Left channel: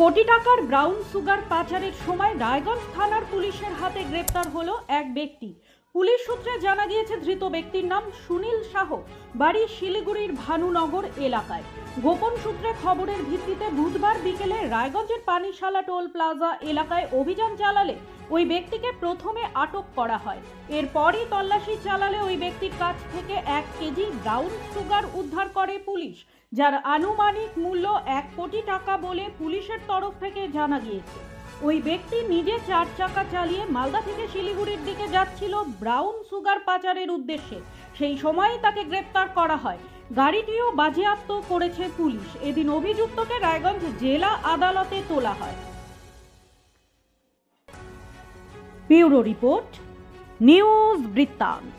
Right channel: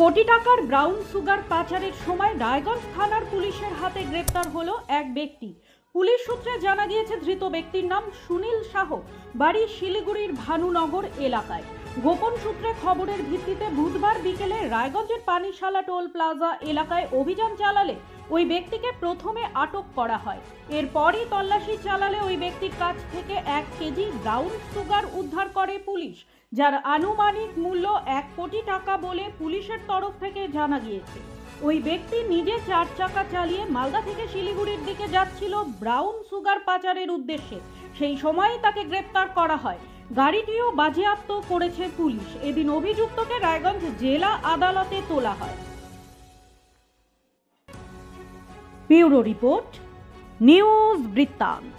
কোটি টাকার brown sugar পাচারের সময় রায়গঞ্জ থানার পুলিশের হাতে গ্রেপ্তার হলো এক ব্যক্তি। পুলিশ সূত্রে জানা গিয়েছে ধৃত ব্যক্তির নাম সুনীল সাহ, বাড়ি শিলিগুড়ির ভানুনগর এলাকায়। গোপন সূত্রে খবরের ভিত্তিতে বুধবার বিকেলে রায়গঞ্জের পানিশালা টোল প্লাজা এলাকায় অভিযান চালালে ওই ব্যক্তিকে প্রথমে আটক করা হয়। এরপরই তল্লাশি চালালে ওই ব্যক্তির কাছ থেকে 1 কেজি ব্রাউন সুগার উদ্ধার করে পুলিশ, যার আনুমানিক মূল্য 1 কোটি টাকা বলে পুলিশের তরফ থেকে জানা গিয়েছে। ওই ব্যক্তি নিজে 4 চাকা চালিয়ে মালদা থেকে শিলিগুড়ির দিকে যাচ্ছিল ব্রাউন সুগার পাচারের উদ্দেশ্যে। সেই সময়ই তাকে গ্রেপ্তার করা হয়। গাড়িটিও বাজেয়াপ্ত করেছে পুলিশ। এদিন অভিযুক্তকে রায়গঞ্জ জেলা আদালতে তোলা হয়। ব্যুরো রিপোর্ট, নিউজ বৃত্তান্ত।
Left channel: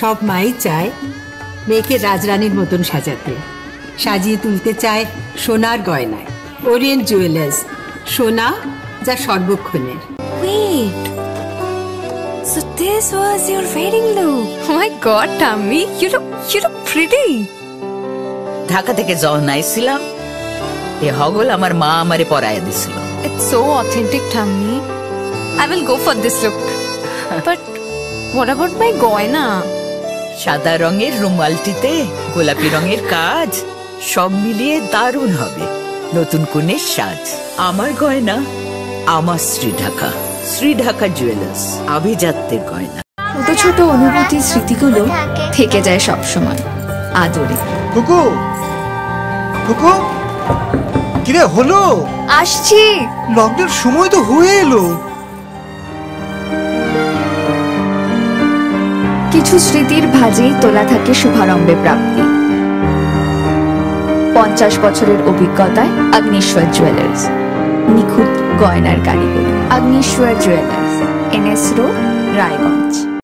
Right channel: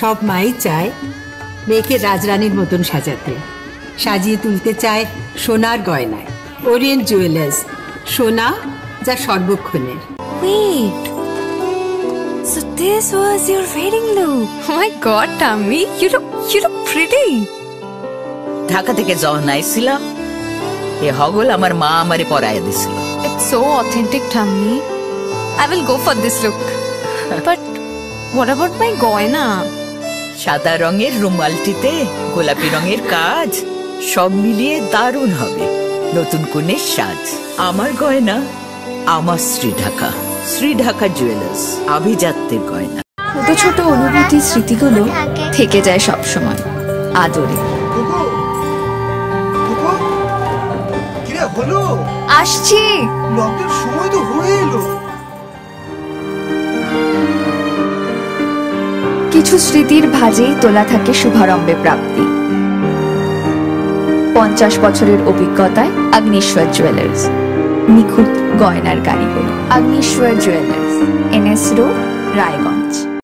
সব মাই চায় মেয়েকে রাজরানীর মতন সাজাতে, সাজিয়ে তুলতে চায় সোনার গয়নায়। ওরিয়েন্ট জুয়েলার্স, সোনা যা সর্বক্ষণের। Wait, so this was your wedding look? Oh my God, Tammy, you look pretty. Dhaka থেকে যখন আইছিলাম এ হগল আমার মা আমারে পরায় দিছিল। It's so authentic, Tammy. I will go for this look. But what about my goina? সাদা রঙের রুমালটিতে গোলাপি রঙের কাজ, সব মিলিয়ে দারুণ হবে নতুন কনের সাজ। আমার গয়না আমার শ্রী ঢাকা জুয়েলার্স, আভিজাত্যের গয়না। ছোট ছোট অনুভূতি, স্মৃতিগুলো থেকে যায় সব সময় আদরে। কুকু কুকু, কিরে হলো? আসছি। লকডাউন সময় তো হয়ে এলো। কিছু স্মৃতির ভাজেই তোলা থাকে শুভারম্ভে প্রাপ্তি। 50 বছরের অভিজ্ঞতায় আগ্নেশ্বর জুয়েলার্স, নিখুঁত গয়নার কারিগরি। Agneshwar jewellers, NS road, Raiganj.